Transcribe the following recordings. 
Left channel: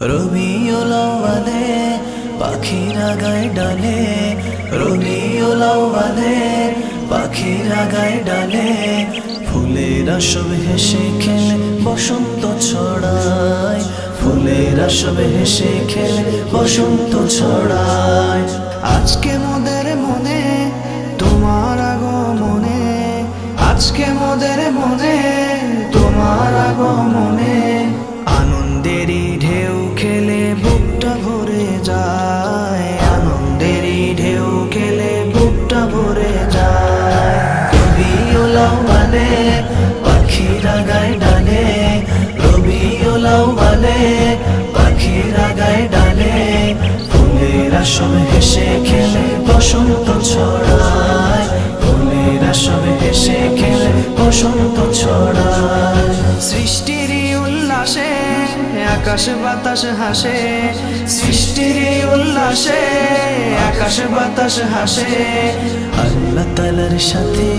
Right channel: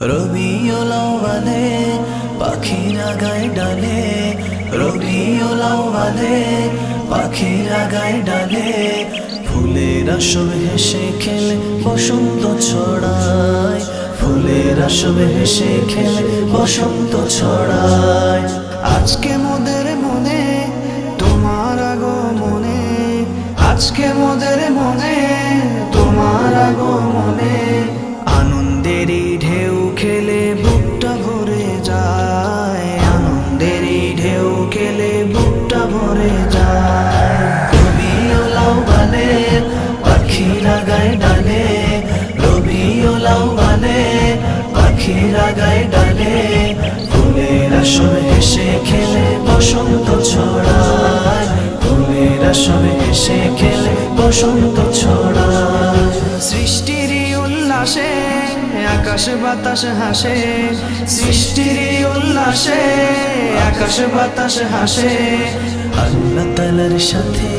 রবিউল আউয়ালে পাখিরা গায়ে ডালে, রবিউল আউয়ালে পাখিরা গায়ে ডালে, ফুলেরা সব হেসে খেলে বসন্ত ছড়ায়, ফুলেরা সব হেসে খেলে বসন্ত ছড়ায়। আজকে মোদের মনে তোমার আগমনে, আজকে মোদের মনে তোমার আগমনে, আনন্দেরই ঢেউ খেলে বুকটা ভরে যায়, আনন্দেরই ঢেউ খেলে বুকটা ভরে যায়। রবিউল আউয়ালে পাখিরা গায়ে ডালে, রবিউল আউয়ালে পাখিরা গায়ে ডালে, ফুলেরা সব হেসে খেলে বসন্ত ছড়ায়, ফুলেরা সব হেসে খেলে বসন্ত ছড়ায়। সৃষ্টির উল্লাসে আকাশ বাতাস হাসে, সৃষ্টির উল্লাসে আকাশ বাতাস হাসে, আল্লাহ তাআলার সাথে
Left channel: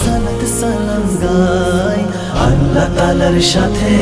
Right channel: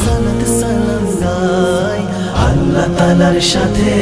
সালাত সালাম গায়, আল্লাহ তাআলার সাথে